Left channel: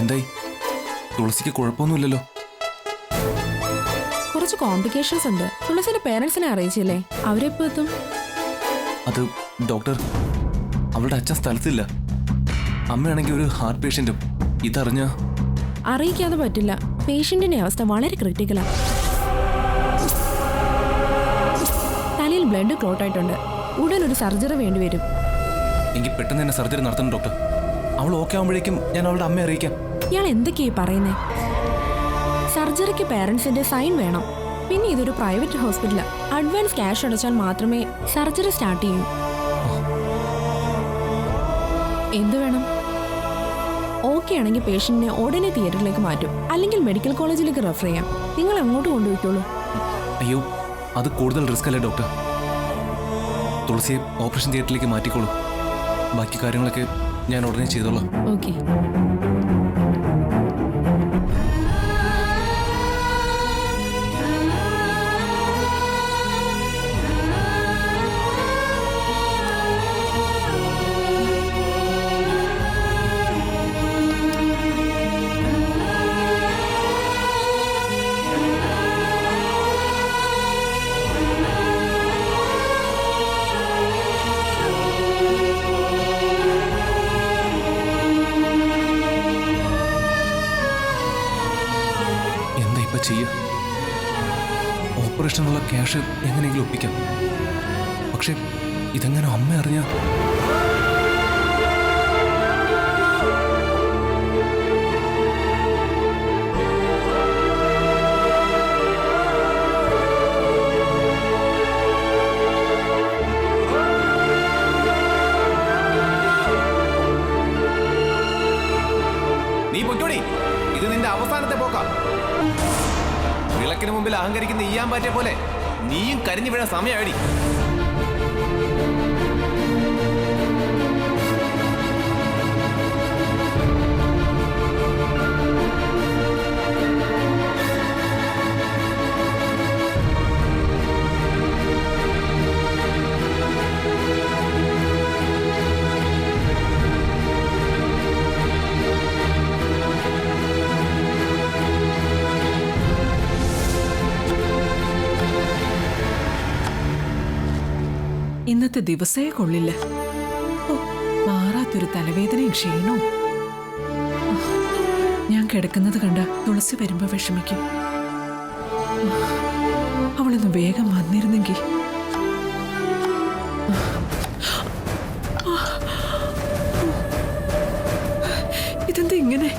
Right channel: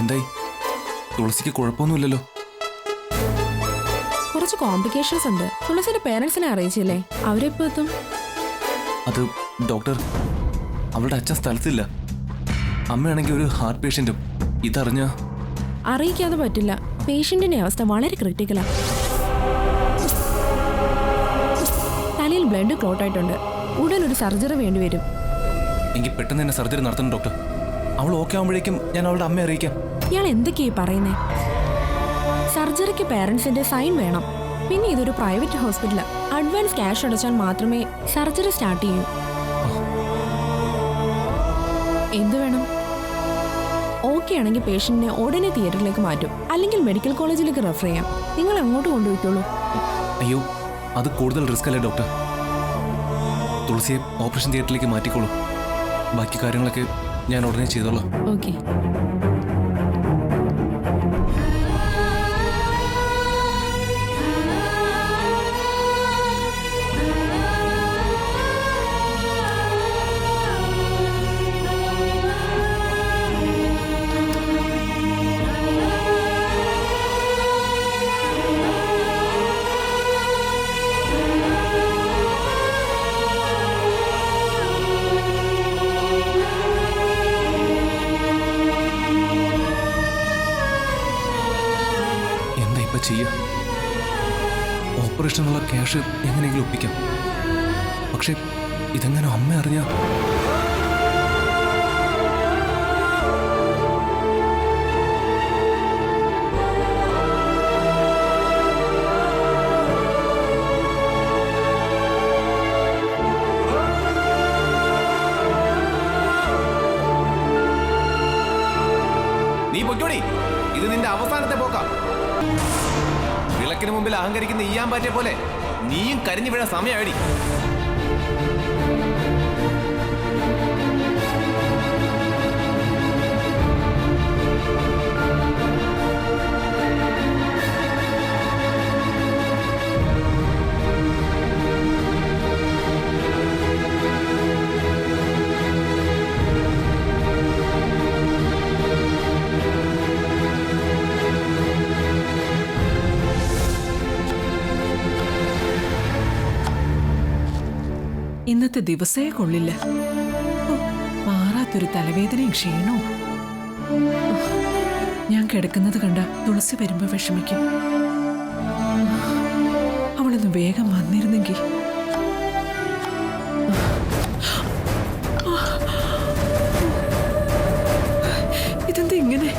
എന്തായി? തുളസിക്ക് കുഴപ്പമൊന്നുമില്ലല്ലോ? കുറച്ച് കോംപ്ലിക്കേഷൻസ് ഉണ്ട്. തുളസിയുടെ പേരൻസിനെ അറിയിച്ചില്ലേ? അവരെപ്പോ എത്തും? അത് ഡോക്ടർ, അവളുടെ അച്ഛൻ സ്ഥലത്തില്ല. അമ്മയാണെങ്കിൽ ഒരു ഹാർട്ട് പേഷ്യന്റും. ഇതറിഞ്ഞ അറിയിക്കാതെ പറ്റില്ല. പേഷ്യന്റിന്റെ അവസ്ഥ വളരെ ക്രിട്ടിക്കലാണ്. തലയിൽ ബ്ലഡ് ക്ലോട്ട് ആയിട്ടുണ്ട്. ഉടൻ ഒരു സർജറി വേണ്ടിവരും. എങ്കിൽ പെട്ടെന്ന് തന്നെ സർജറി നടത്തണം ഡോക്ടർ. അവൾ ഓക്കെ ആവുമ്പോഴേക്കും ഞാൻ അവളുടെ അമ്മയെ അറിയിക്കാം. ഇയാൾ എന്തൊക്കെയായി പറയുന്നേ? സർജറിക്ക് പേരൻസിന്റെ സൈൻ വേണം. പിന്നെ ഇതൊരു പ്രൈവറ്റ് ഹോസ്പിറ്റലാ. അഡ്വാൻസ് ക്യാഷ് അടച്ചാൽ മാത്രമേ സർജറി സ്റ്റാർട്ട് ചെയ്യൂ. എന്ത് വേണം? ഓക്കെ ആണെങ്കിൽ പേഷ്യന്റിനെ ഉടനെ തിയേറ്ററിലേക്ക് മാറ്റും, അല്ലെങ്കിൽ മെഡിക്കൽ കോളേജിലേക്ക് റെഫർ ചെയ്യാം. നിങ്ങൾ അങ്ങോട്ട് കൊണ്ടുപോയിക്കോളൂ. അയ്യോ, അത് കൂടുതൽ റിസ്ക് അല്ലേ ഡോക്ടർ? തുളസിയെ ഓപ്പറേഷൻ തിയേറ്ററിലേക്ക് മാറ്റിക്കോളൂ. ബാക്കി കാര്യങ്ങളൊക്കെ ഞാൻ ഉടനെ ചെയ്തോളാം. ഓക്കെ. ചെയ്യുക. ഓപ്പറേഷനുള്ള ക്യാഷ് എങ്ങനെയെങ്കിലും ഒപ്പിക്കാം. പക്ഷെ ഇതെങ്ങനെ അമ്മ അറിഞ്ഞ? നീ പൊയ്ക്കോടി, ഇത് നിന്റെ അവസാനത്തെ പോക്കാം. വിളക്കിന് മുമ്പിൽ അഹങ്കരിക്കുന്ന ഈയാമ്പാറ്റെ പോലെ നീയും കരിഞ്ഞു വീഴാൻ സമയമാടി. ഇന്നത്തെ ദിവസേ കൊള്ളില്ല. മാറാത്തൊരു തലവേദനയും ക്ഷീണവും. ഞാൻ കിടക്കുന്നത് കണ്ട തുളസി വരുമ്പോ വിഷമിക്കും. അവളൊന്ന് വേഗം വന്നിരുന്നെങ്കിൽ. ഇതെന്താ ഇങ്ങനെ?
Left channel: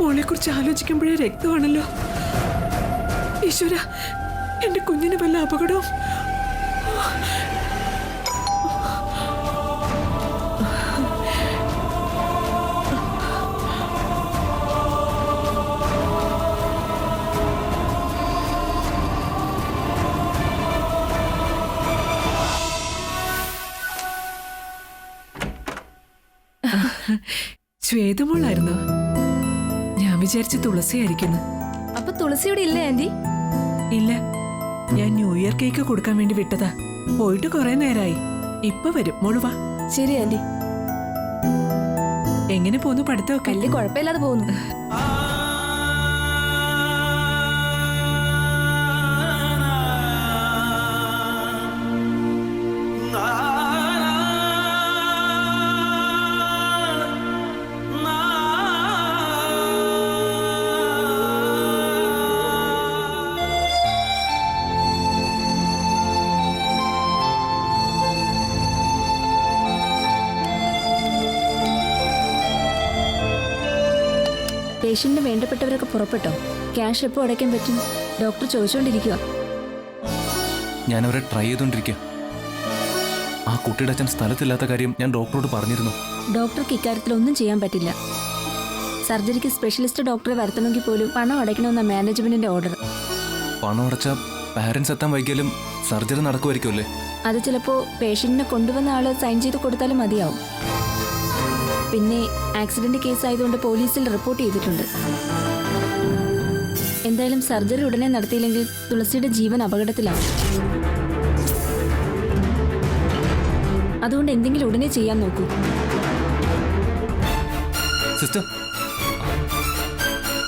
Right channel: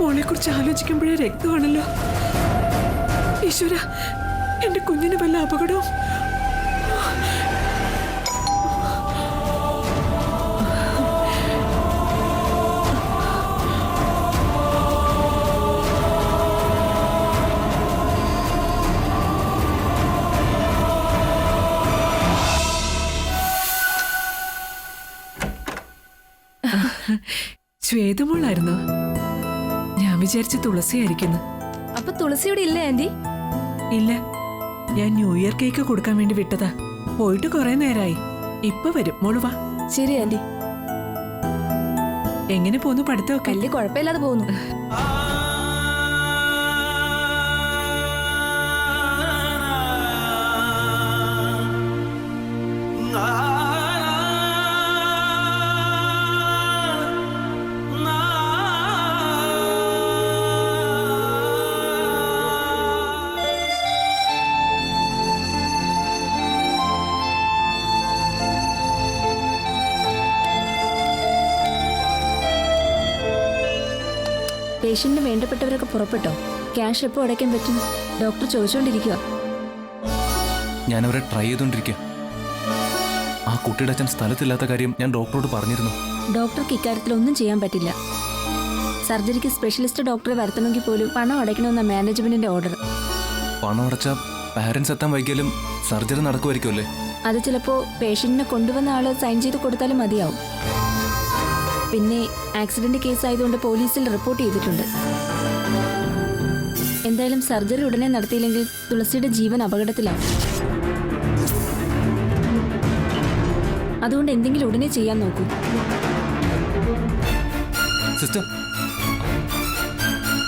മോളെ കുറിച്ച് ആലോചിക്കുമ്പോഴേ രക്തമാണല്ലോ. ഈശ്വര, എന്റെ കുഞ്ഞിന് വല്ല അപകടവും. ശ്വേതമോളായിരുന്നു. ഞാൻ വിചാരിച്ച തുളസിയായിരിക്കുന്നു. അപ്പൊ തുളസിയുടെ ഇല്ലേ ആന്റി? ഇല്ല, ഞാൻ ന്യൂ ഇയർ കേക്ക് കൊടുക്കാൻ വേണ്ടി വിട്ടതാ. പോയിട്ട് കുറെ നേരായി. ഇപ്പൊ വരും. മോള് വാ. ശരി ആന്റി. എങ്ങനെ പോന്നു പഠിത്തമൊക്കെ? വലിയ കുഴപ്പമില്ലാതെ പോകുന്നു. പേഷ്യന്റിന് വേണ്ടപ്പെട്ടവരൊക്കെ പുറപ്പെട്ടോ? ക്യാഷ് എപ്പോൾ അടയ്ക്കാൻ പറ്റും? ഡോക്ടർ ചോദിച്ചുകൊണ്ടിരിക്കുക. ഞാനവരെ ട്രൈ ചെയ്തുകൊണ്ടിരിക്കുക. ആ കുട്ടിയുടെ അച്ഛൻ സ്ഥലത്തില്ലാത്ത കാര്യം ഞാൻ ഡോക്ടറോട് പറഞ്ഞിരുന്നു. ഡോക്ടർക്ക് ഇക്കാര്യത്തിൽ ഒന്നും ചെയ്യാൻ പറ്റില്ല. സർജറിക്ക് സ്പെഷ്യലിസ്റ്റ് ഡോക്ടറെ വരുത്തണമെങ്കിൽ പോലും പണം അടയ്ക്കണമെന്ന മാനേജ്മെന്റിന്റെ ഓർഡർ. പണം അടച്ച പാരന്റ്സ് എത്താൻ വൈകിയാലും സർജറി നടക്കുമായിരിക്കുമല്ലേ? അത് ചിലപ്പോൾ പേഷ്യന്റിനെ കൊണ്ടുവന്ന ആള് സൈൻ ചെയ്ത് കൊടുത്താലും മതിയാവും. പിന്നെ ആക്സിഡന്റ് കേസ് ആയതുകൊണ്ട് പോലീസിൽ റിപ്പോർട്ട് ചെയ്തിട്ടുണ്ട്. എന്തായാലും സർജറി ഉടനെ നടത്തിയില്ലെങ്കിൽ തുളസിയുടെ ജീവൻ അപകടത്തിലാവും. അതുകൊണ്ട് എന്തെങ്കിലും ഉടനെ ചെയ്യാൻ നോക്കൂ. സിസ്റ്റർ,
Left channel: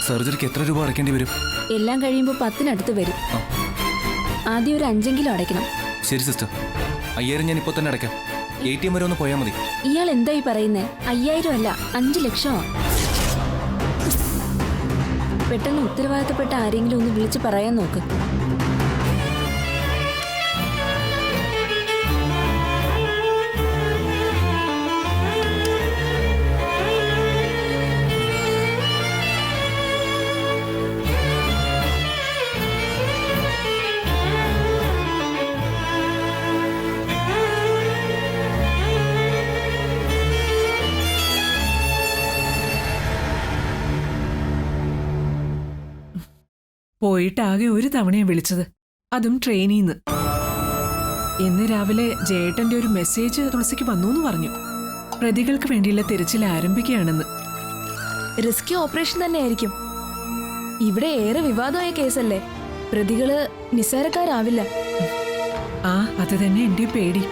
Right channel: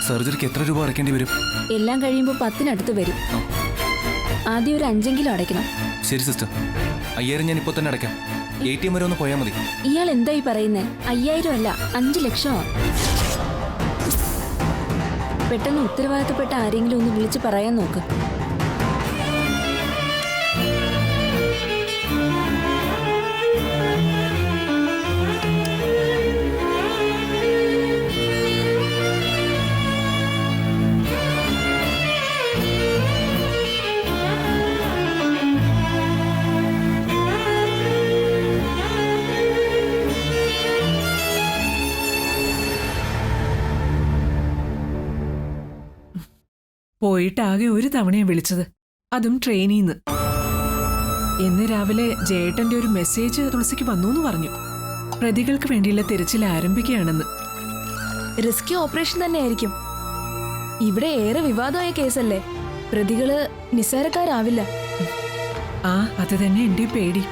സർജറിക്ക് എത്ര രൂപ അടയ്ക്കേണ്ടി വരും? എല്ലാം കഴിയുമ്പോൾ 10-നടുത്ത് വരും. ആ. ആദ്യം ഒരു 5 അടയ്ക്കണം. ശരി സിസ്റ്റർ, 5000 ഞാൻ ഇപ്പോൾ തന്നെ അടയ്ക്കാം. ATM വരെ ഒന്ന് പോയാൽ മതി. ഇയാൾ എന്തായി പറയുന്നേ? 5000 അല്ല, 5 ലക്ഷമാ. പെട്ടെന്ന് ഉത്തരവാദിത്തപ്പെട്ട ആരെങ്കിലും ഒന്ന് വിളിച്ച് പറയാൻ നോക്ക്. പോയിട്ടാകെ ഒരു തവണയാ വിളിച്ചത്, അതും ട്രെയിനിന്ന്. ഇന്ന് രാവിലെ ജയേട്ടന്റെ ഒരു മെസ്സേജ് തുളസിക്ക് വന്നു പറഞ്ഞു. പ്രതികൾക്ക് വേണ്ടിയുള്ള തിരച്ചിൽ ആരംഭിക്കുകയാണെന്ന്. റിസ്കി ഓപ്പറേഷൻ തന്നെയായിരിക്കും. ഇവിടെ ഏറെ വിവാദമായ കേസല്ലേ, പ്രതികള് നിസ്സാരക്കാരാവില്ല. ആ, അത് തന്നെ എന്റെ പേടി.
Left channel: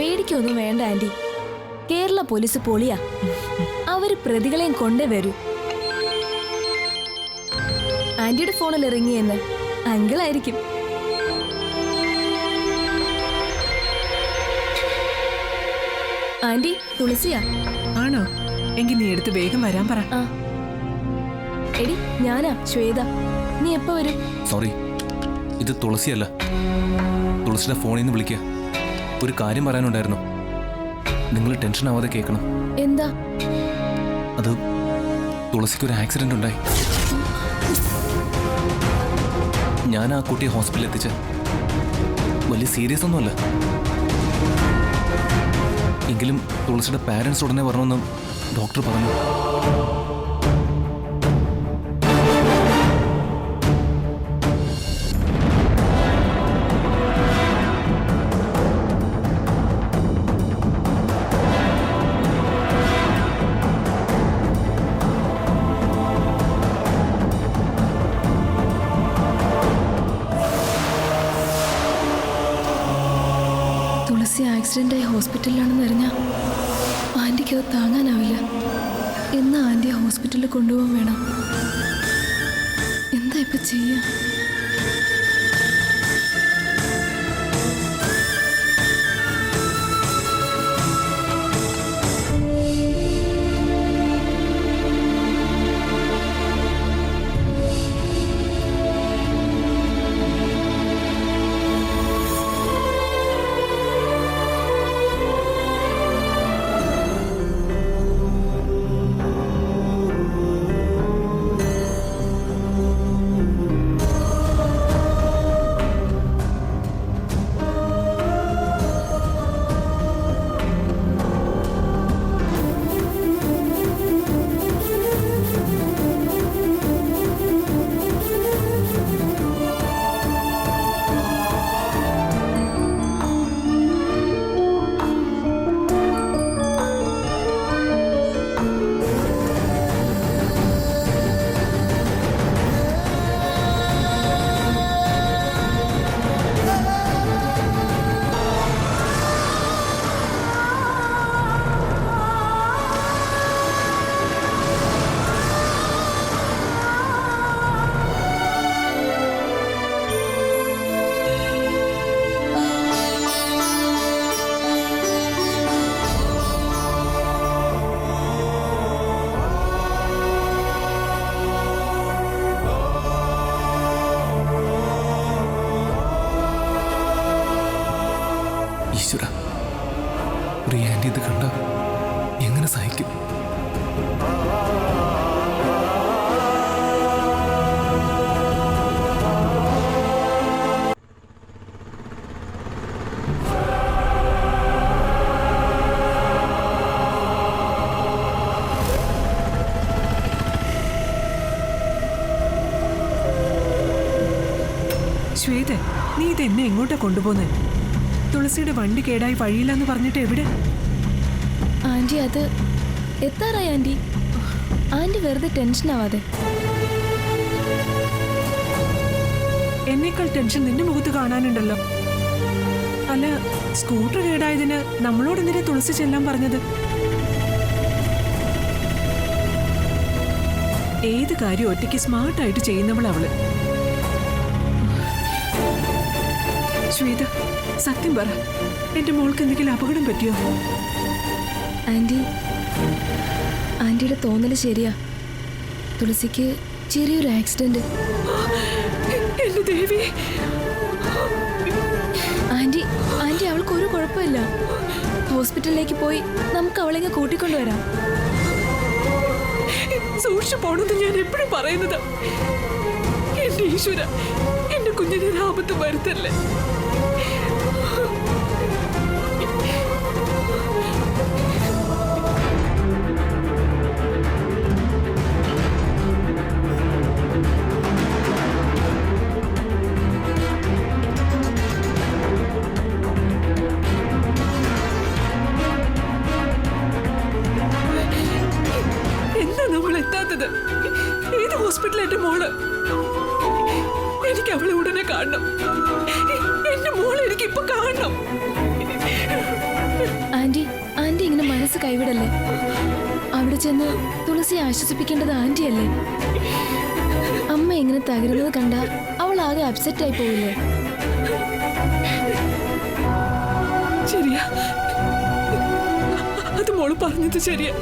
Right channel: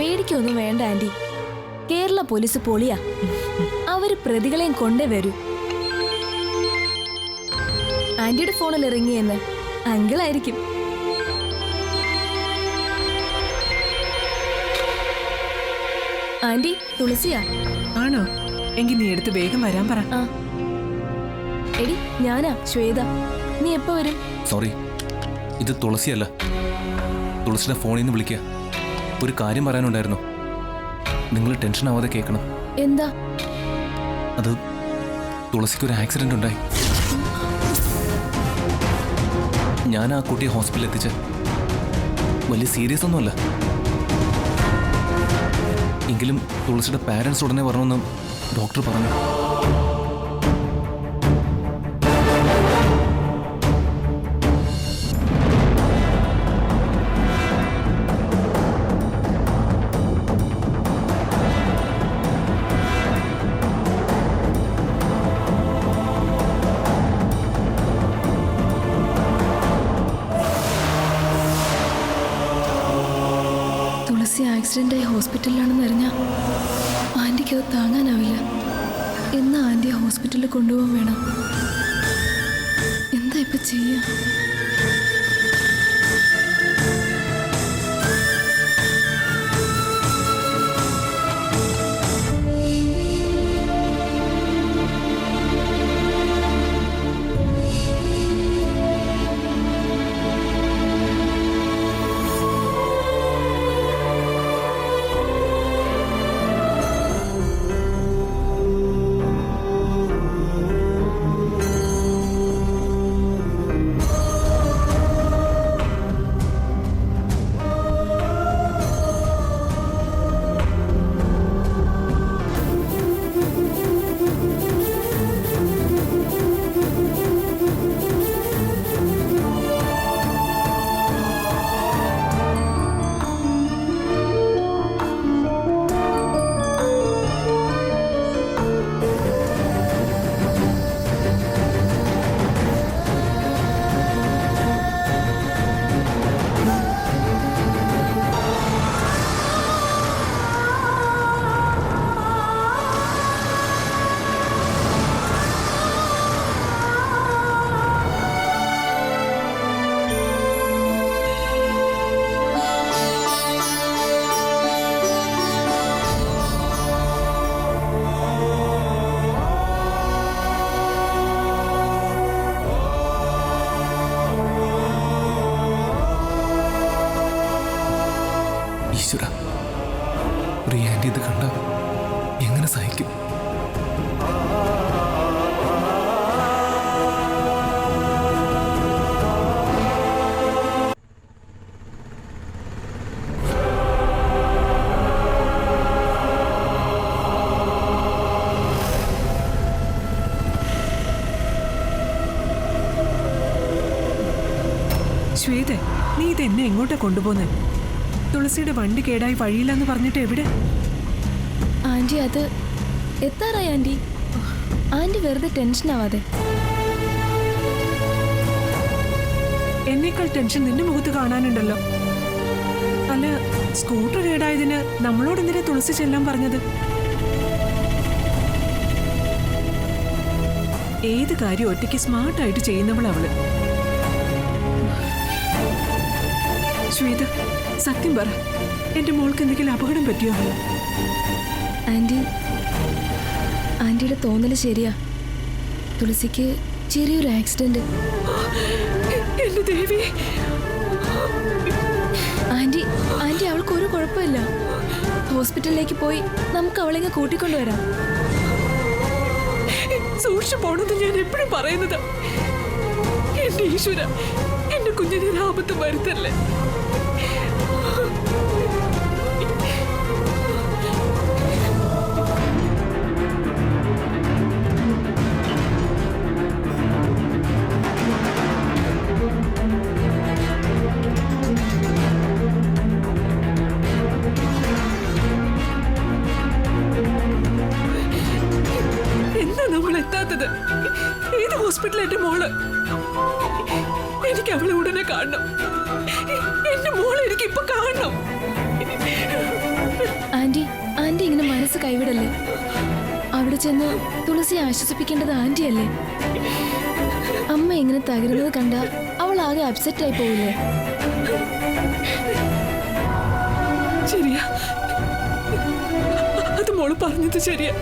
പേടിക്കൊന്നും വേണ്ട ആന്റി, കേരള പോലീസ് പൊളിയാ. അവര് പ്രതികളെയും കൊണ്ടേ വരൂ. ആന്റിയുടെ ഫോണിൽ ഇറങ്ങിയെന്ന് അങ്കിളായിരിക്കും. ആന്റി, തുളസിയാ. ആണോ? എങ്കിൽ നീ എടുത്ത് വേഗം വരാൻ പറ. ആ എടി, ഞാനാ ശ്വേത. നീ എപ്പോ വരും? സോറി, ഇത് തുളസിയല്ല. തുളസിയുടെ ഫോണിൽ നിന്ന് വിളിക്കുക. ഒരു കാര്യം പറയാനുണ്ടായിരുന്നു. നിങ്ങൾ ടെൻഷൻ ആവാതെ കേൾക്കണം. എന്താ? അത് തുളസിക്കൊരു ആക്സിഡന്റ് ഉണ്ടായി. ഞാൻ ആ കുട്ടിയെ ഹോസ്പിറ്റലിൽ എത്തിച്ച്. വലിയ സീരിയസ് ഒന്നുമല്ല. എങ്കിലും തുളസിയുടെ പാരൻസ് ഉടനെ വരണമെന്ന് ഡോക്ടർ പറഞ്ഞു. തുളസി ആക്സിഡന്റായി ഹോസ്പിറ്റലിലാണെന്ന് അറിഞ്ഞാൽ ആന്റിക്ക് അത് താങ്ങാനാവില്ല. എന്നാ ആന്റിയെ ഹോസ്പിറ്റലിൽ കൊണ്ടുപോകാൻ വേണം. എന്താ ഇപ്പൊ ചെയ്യാ? ഈശ്വര, ഒരു ആന്റി ഇത് കണ്ട എങ്ങനെ സഹിക്കും? ശ്വേത, നീ ഇതെന്നെ എങ്ങോട്ടാ കൊണ്ടുപോന്നെ? തുളസിയുടെ വണ്ടി കേടായി വഴിയില്ലെന്ന് പറഞ്ഞിട്ട് എവിടെ? ആന്റി, അത് എത്താറായി ആന്റി. ആന്റി വെറുതെ ടെൻഷൻ ആവാതെ. എന്നേക്കാൾ ടെൻഷൻ നിന്റെ മുഖത്ത് കാണാനുണ്ടല്ലോ. അല്ല, സ്കൂട്ടർ കേടായതിന് നമ്മളോട് എന്തിനാ തുളസി ചെല്ലാൻ പറഞ്ഞത്? ഏത് കാര്യം ഒറ്റയ്ക്ക് സ്മാർട്ടായിട്ട് ചെയ്യുന്നവളവള്. ശ്വേത, സത്യം പറ, എന്റെ മോൾക്ക് എന്തെങ്കിലും അപകടം പറ്റിയോ? ആന്റിയുടെ തോന്നല് ശരിയാ. തുളസിക്ക് ചെറിയൊരു ആക്സിഡന്റ്. എന്റെ ദേവി, ആന്റി അവൾക്ക് ഒരു കുഴപ്പമില്ല. ഹോസ്പിറ്റലിലേക്ക് പോയി നമുക്ക് അവളെങ്ങ് കൂട്ടിക്കൊണ്ടുവരാം. സൂക്ഷിച്ചു പോണെന്ന് ഞാൻ എപ്പോഴും പറയുന്നത്. എന്റെ ഈശ്വര, എന്റെ കുഞ്ഞിനെ ആപത്ത് വരുത്തല്ലേ. എന്താ നമ്മൾ എത്താത്തത്? ഏത് ഹോസ്പിറ്റലിൽ എന്റെ മോള്? എനിക്ക് അവളെ ഉടനെ കാണണം. എന്റെ മോളെ എനിക്ക് ഇപ്പൊ കാണണം. ആന്റി ഇങ്ങനെ മനസ്സ് കൈവിടല്ലേ. അവിടെ ചെന്ന് തുളസിയെ ആശ്വസിപ്പിക്കേണ്ടത് ആന്റിയല്ലേ. അമ്മ ഇങ്ങനെ തകരുന്നത് കണ്ട അവൾ ആകെ അപ്സെറ്റ് ആയി പോവില്ലേ? ശരിയാ, അത് മോള് പറഞ്ഞത് ശരിയാ.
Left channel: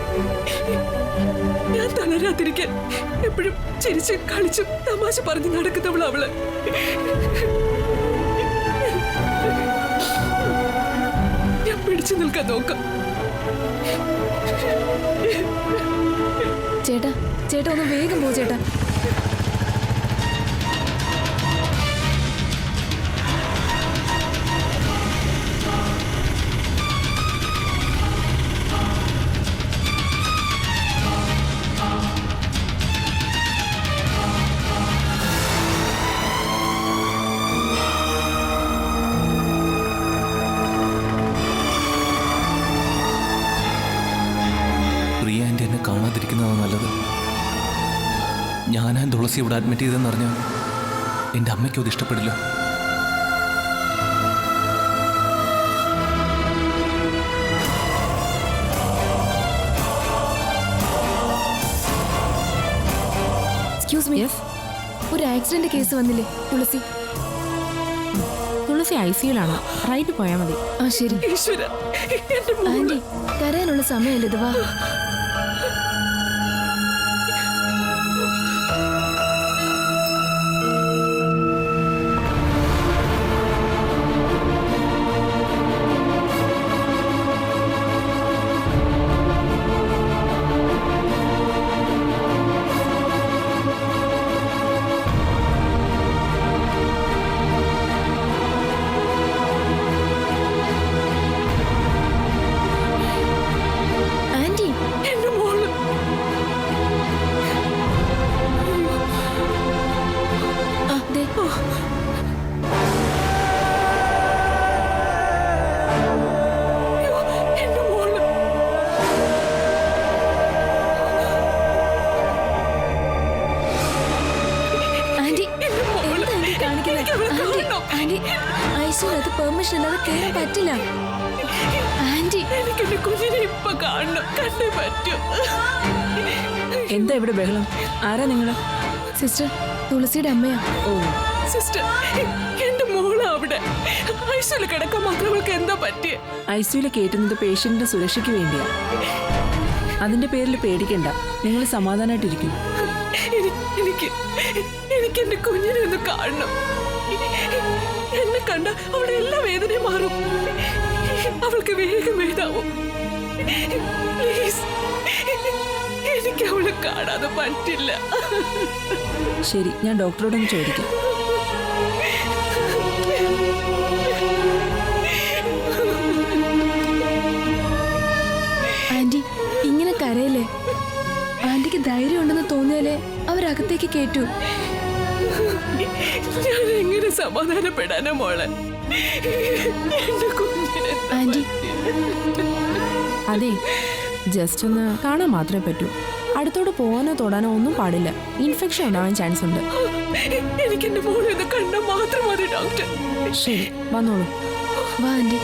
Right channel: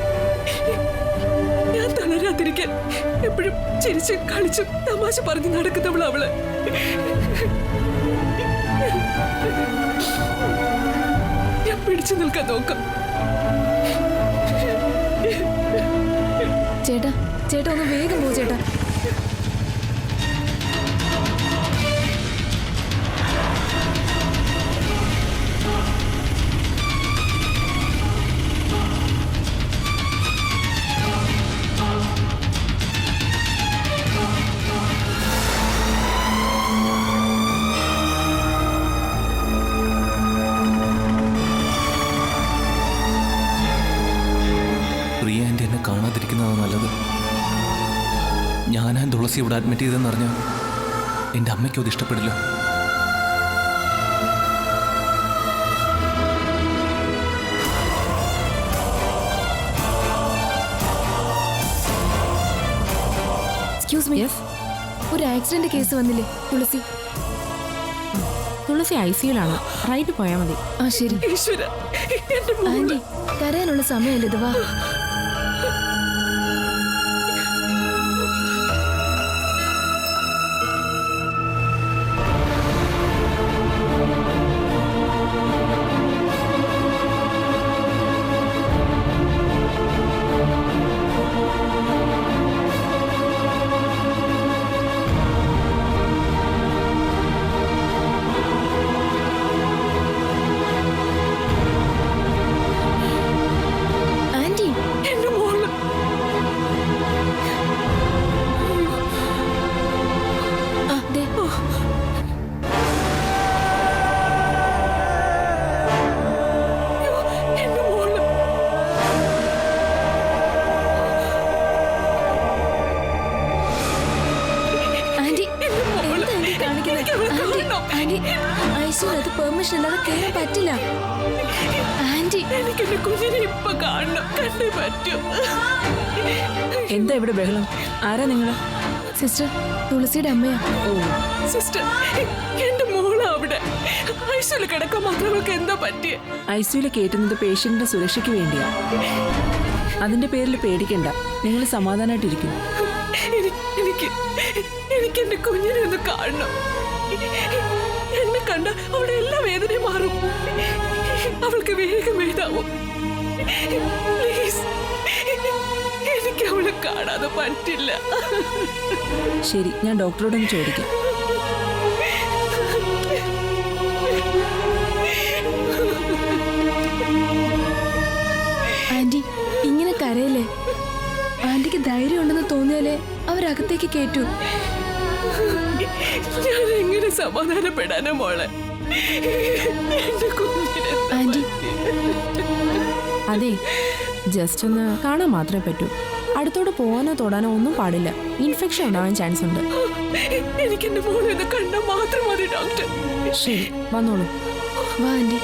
ഞാൻ തളരാതിരിക്കാൻ എപ്പോഴും ചിരിച്ചും കളിച്ചും തമാശ പറഞ്ഞ് നടക്കുന്നവള് അവള്. ഞാൻ പിടിച്ചു നിൽക്കാൻ നോക്കാം. ചേട്ടാ ഒന്ന് വേഗം പോ ചേട്ടാ. പ്രിയ ആൻറ്റി എന്നെ കാണാതിരിക്കുന്നതാണ് നല്ലത്. ഞാനാ തുളസി ഇവിടെ അഡ്മിറ്റ് ചെയ്തെന്ന് അറിഞ്ഞാൽ എൻ്റെ അമ്മയ്ക്കും അത് ഇഷ്ടപ്പെടില്ല. എക്സ്ക്യൂസ് മീ, ഒരു ആക്സിഡന്റ് കേസ് വന്നില്ലേ തുളസി? തുളസി ICUലാണ്. റൈറ്റ് പോയാൽ മതി. ആ ശരി. ഈശ്വര, എന്റെ മോള്. ആന്റി കരയാനുള്ള സമയമല്ലേ ഇത്, വാ. ആന്റി എന്റെ മോള്. ആ ദേ എന്റെ മോള്. ആന്റി എന്റെ മോള്. എന്താ ആന്റി കാണിക്കുന്നത്? എനിക്ക് അവളെ കാണണം. ആന്റി ഐസിയുനകത്ത് പെർമിഷൻ ഇല്ലാതെ കയറാൻ പറ്റില്ല. ആന്റി എനിക്ക് എന്റെ കുഞ്ഞിനെ ഇപ്പൊ കാണണം. കണ്ടേ പറ്റൂ. എന്താ ഇവിടെ ബഹളം? ആരാ നിങ്ങള്? സിസ്റ്റർ തുളസിയുടെ അമ്മയാ. ഓ, സിസ്റ്റർ, എന്റെ മോള് അവിടെ ഐസിയുല് കിടക്കാൻ മാത്രം അവൾക്ക് എന്താ പറ്റിയ? ഐസിയുല് കയറ്റുന്നത് പേഷ്യന്റിന്റെ സുരക്ഷയ്ക്ക് വേണ്ടിയാ. അതിന്റെ പേരിൽ പേടിക്കണ്ട, നിങ്ങൾ സമാധാനായിട്ടിരിക്കും. എനിക്ക് എന്റെ കുഞ്ഞിനെ ഒന്ന് കാണണം. എന്നെ കണ്ട അവിടെ എല്ലാ വേദനയും മാറും. അവൾക്ക് വേഗം എഴുതാവും. പ്ലീസ്, എനിക്ക് അവളെ കാണാതെ പറ്റില്ല. ശരി, ഞാൻ ഡോക്ടറോടൊന്ന് ചോദിക്കാം. ആന്റി ഇങ്ങനെ കരയല്ലേ. ആന്റിക്ക് ധൈര്യം ഉണ്ടെന്ന് തോന്നിയാലേ അവരകത്തേക്ക് കേറ്റൂ. ഞാൻ എങ്ങനെ സമാധാനപ്പെടാനോ മോളെ? എന്റെ കുഞ്ഞിനെ ആന്റി അതെ, ജസ്റ്റ് ഒന്ന് കാണാൻ മാത്രമേ പറ്റൂ. അടുത്തോട്ട് പോകാനോ തൊടാനോ ഒന്നും പാടില്ല. ഇൻഫെക്ഷൻ ഉണ്ടാവാൻ ചാൻസ് ഉണ്ട്. എനിക്ക് എന്റെ മോളെ ഒന്ന് കണ്ടാൽ മാത്രം മതി ഡോക്ടർ. ശരി, വന്നോളൂ. വാ ആന്റി.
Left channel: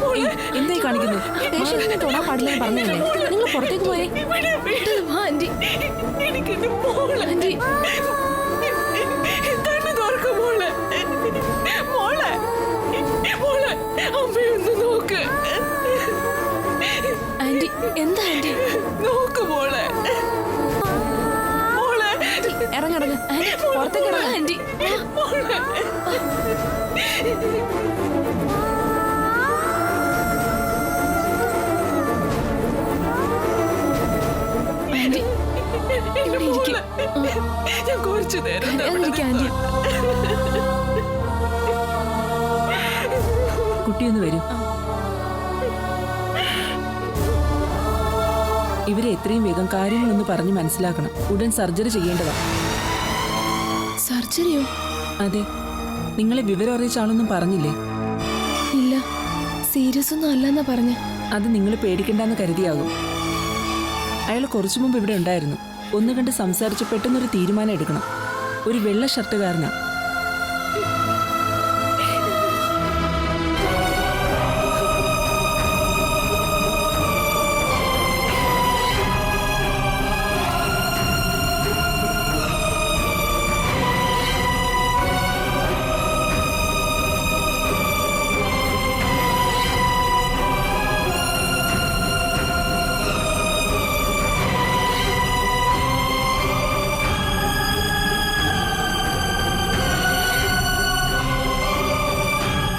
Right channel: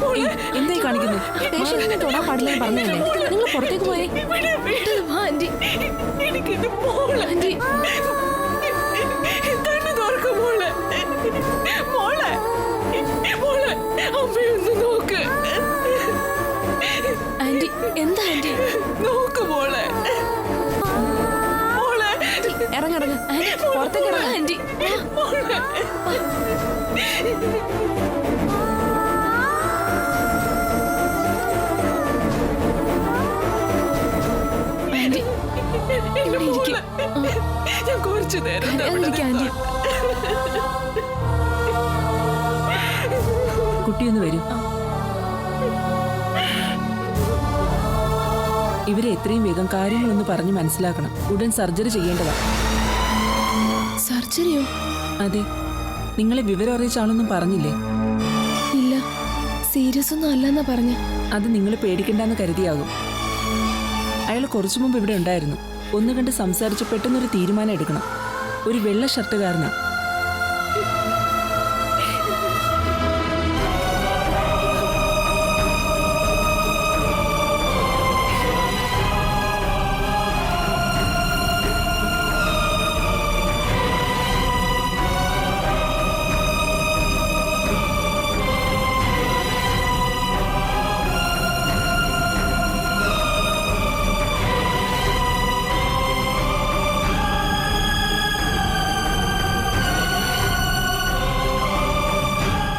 മോളെ എന്തായി കാണിക്കുന്നത്? പേഷ്യന്റിനെ തൊടാൻ പാടില്ലെന്ന് പറഞ്ഞല്ലേ? നിങ്ങൾ പുറത്തേക്ക് പോയേ. വാ ആന്റി. എനിക്കെന്റെ മോളെ ആന്റി കണ്ണു തുറക്കും മോളെ. മോളെ മോളെ അമ്മയൊന്ന് നോക്ക്. ആന്റി എന്താ ആന്റി? നോക്ക് മോളെ. മോളെ ഇറങ്ങിറങ്ങ്. പുറത്തേക്ക് ഇറങ്ങ. ആന്റി മോളെ. ആന്റി ഇവിടെ ഇരിക്കും. ഞാൻ കുറച്ചു നേരം കരയാതിരിക്ക് ആന്റി. കുട്ടിയൊന്ന് വരൂ. ഇവരെ എത്രയും വേഗം കാര്യങ്ങളൊന്ന് പറഞ്ഞ് മനസ്സിലാക്കണം. ഉടൻ സർജറി ചെയ്യേണ്ടതാ. സർജറിയോ? അതെ, നിങ്ങളെ വിവരം അറിയിച്ച ആളൊന്നും പറഞ്ഞില്ലേ? ഇല്ല, സീരിയസ് ഒന്നും അല്ലെന്നാ പറഞ്ഞ. അത് നിങ്ങൾ പേടിക്കണ്ടെന്ന് കരുതിയാകും. അയാൾ കുറച്ചു മുമ്പ് ഇവിടെ ഉണ്ടായിരുന്നു. ഒന്ന് കണ്ട് സംസാരിച്ച് പെട്ടെന്നൊരു തീരുമാനം എടുക്കണം. ഒരു വെള്ള ഷർട്ടുകാരനാ.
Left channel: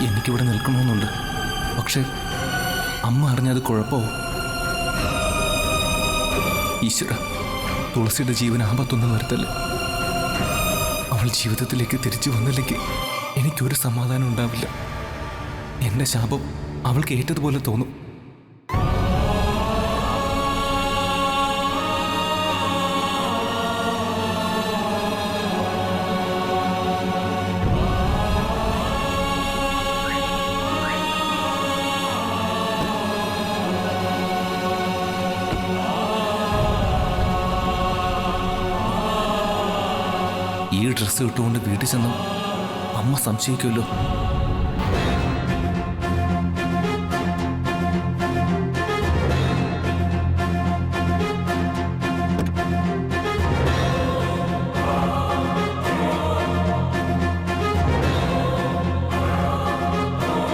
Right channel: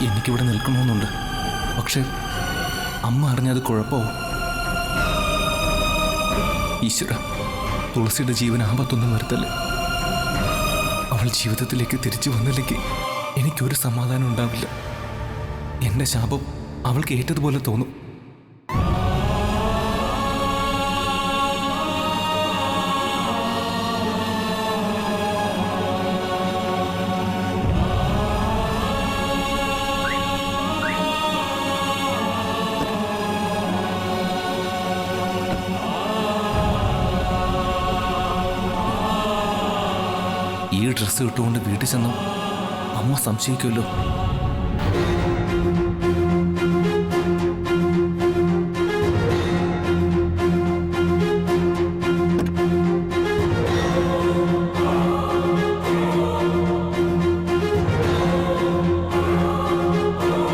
എനിക്കിവിടെ നിൽക്കണമെന്നുണ്ട്. പക്ഷെ അമ്മ അറിഞ്ഞത് കുഴപ്പമോ? ഈശ്വര, തുളസിയുടെ ജീവൻ ആപത്തൊന്നും വരുത്തല്ലേ. അവൾ ജീവിതത്തിലേക്ക് തിരിച്ചു വന്നില്ലെങ്കിൽ എനിക്കൊരു സമാധാനം ഉണ്ടാവില്ല. എൻ്റെ ശാപം അവൾക്ക് ഏറ്റതുപോലെ തോന്നും. ഈ ഡ്രസ്സ് ഇട്ടുകൊണ്ട് വീട്ടിൽ ചെന്ന് അമ്മ സംശയിക്കുമല്ലോ.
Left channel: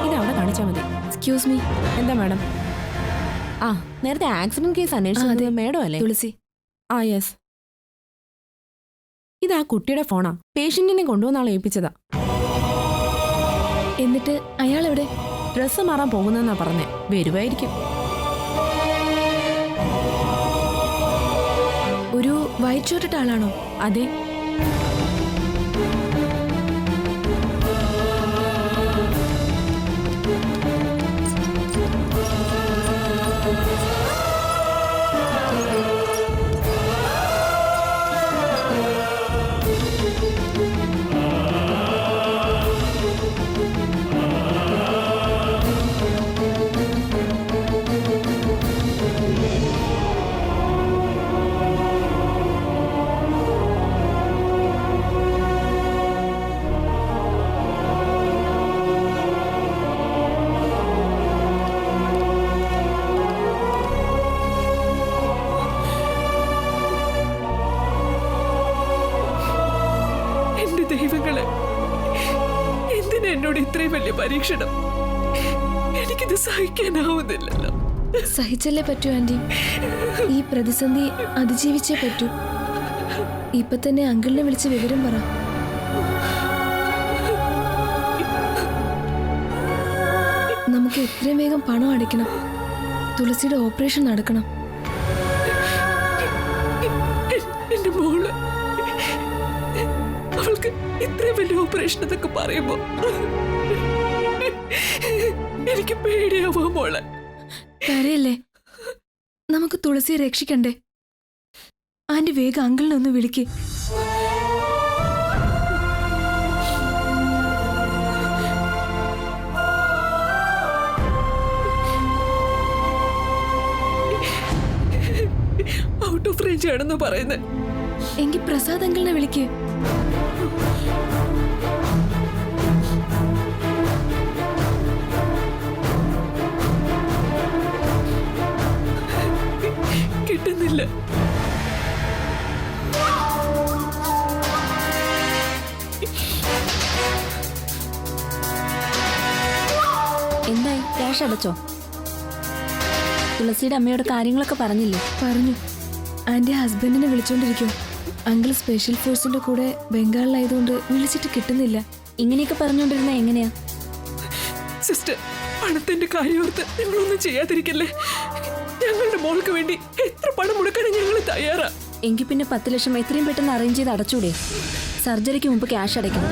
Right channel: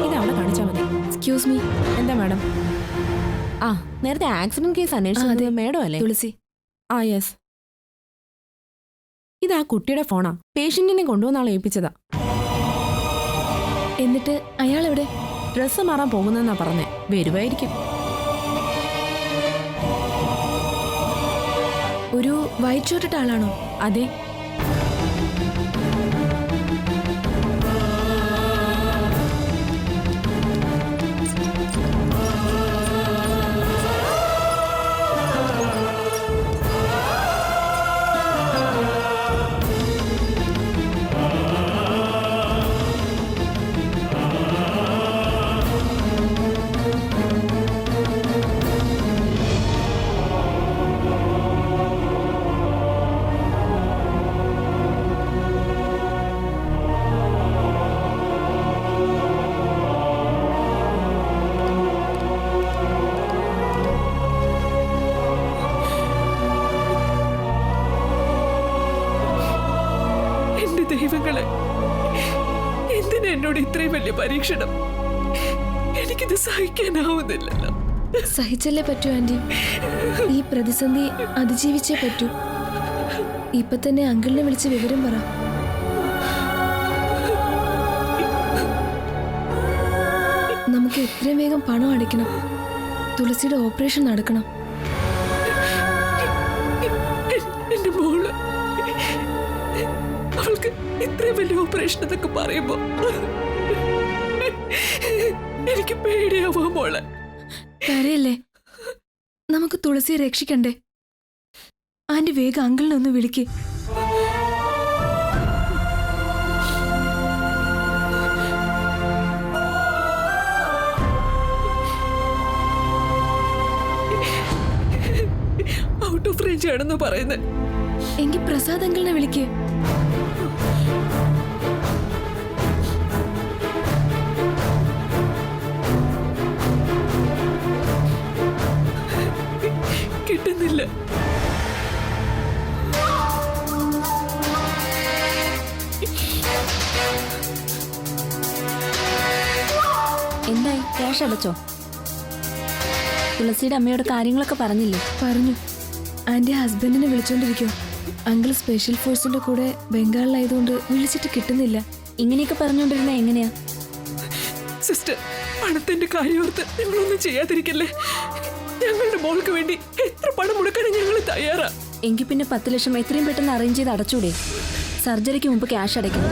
ഇതവിടെ കാണിച്ചാൽ മതി. Excuse me. എന്താ മാഡം? ആ, നേരത്തെ ആക്സിഡന്റ് കേസ് ആ, അതെ. അന്വേഷിച്ചത് മേഡം അല്ലേ? തുളസി. ആ യെസ്. ഇതാ കുട്ടിയുടെ ഫോണാ. പേഷ്യന്റിനെ കൊണ്ടുവന്നാളെ ഏൽപ്പിച്ചതാ. എന്നിട്ട് അയാൾ എവിടെ? ഡ്രസ്സ് മാറാൻ പോകുന്നെന്നാ പറഞ്ഞേ. വരുമായിരിക്കും. ഒരു വൈറ്റ് ഷർട്ട് ഇട്ട ആളാണോ? അതെ. എന്റെ ദൈവങ്ങളെ, എന്തിനാ എന്നോട് ഇത്രയും വലിയ പരീക്ഷണം? എനിക്കിത് സഹിക്കാനാവുന്നില്ലല്ലോ. സഹിച്ചല്ലേ പറ്റൂ ആന്റി. ഈ പ്രതിസന്ധി അതിജീവിച്ചേ പറ്റൂ. ഇപ്പൊ തന്നെ അങ്കിളിനെ വിളിച്ച് വിവരം പറ. നമുക്ക് എത്രയും വേഗം പണം അടയ്ക്കണം. തുളസിയുടെ ഓപ്പറേഷൻ നടക്കണം. എന്റെ മോള്, അവൾക്ക് ഇത്രയും വലിയ ഓപ്പറേഷൻ എന്നൊക്കെ പറയുമ്പോ എനിക്ക് പേടിയാവാ മോളെ. കരയല്ലേ? നമുക്ക് തുളസിയെ രക്ഷിക്കണ്ടേ? ആന്റി വേഗം അങ്കിളിനെ ഒന്ന് വിളിക്ക്. വീഴ്ചയാണെന്ന് പറയുന്നത്. എങ്കിൽ പ്രസാദ് അങ്കിളിനെ വിളിക്ക്. കിട്ടുന്നില്ല. എന്തായി, ക്യാഷ് അടച്ചോ? തുളസിയുടെ അമ്മയോട് കാര്യങ്ങളൊക്കെ പറഞ്ഞില്ലേ? പറഞ്ഞു. ആന്റി ഹസ്ബൻഡിനെ വിളിച്ചോണ്ടിരിക്കും. അങ്കിൾ സ്പെഷ്യൽ ഫോഴ്സിന്റെ കൂടെ ബംഗാളിലായതുകൊണ്ട് വിളിച്ചിട്ട് കിട്ടുന്നില്ല. ഇങ്ങനെയൊക്കെ പറഞ്ഞുകൊണ്ടിരുന്ന എങ്ങനെയാ? സിസ്റ്റർ, പണത്തിന്റെ കാര്യോർത്ത് ഞങ്ങളൊന്നും ചെയ്യാതിരിക്കല്ലേ. ഞങ്ങളുടെ മോൾക്ക് വേണ്ടി എത്ര പണം മുടക്കാനും ഞങ്ങൾ തയ്യാറാ. എങ്കിൽ പിന്നെ 10 ലക്ഷം എത്രയും പെട്ടെന്ന് അറേഞ്ച് ചെയ്ത് അടച്ചൂടെ? സർജറിക്ക് മുമ്പ് ക്യാഷ് അടയ്ക്കണം.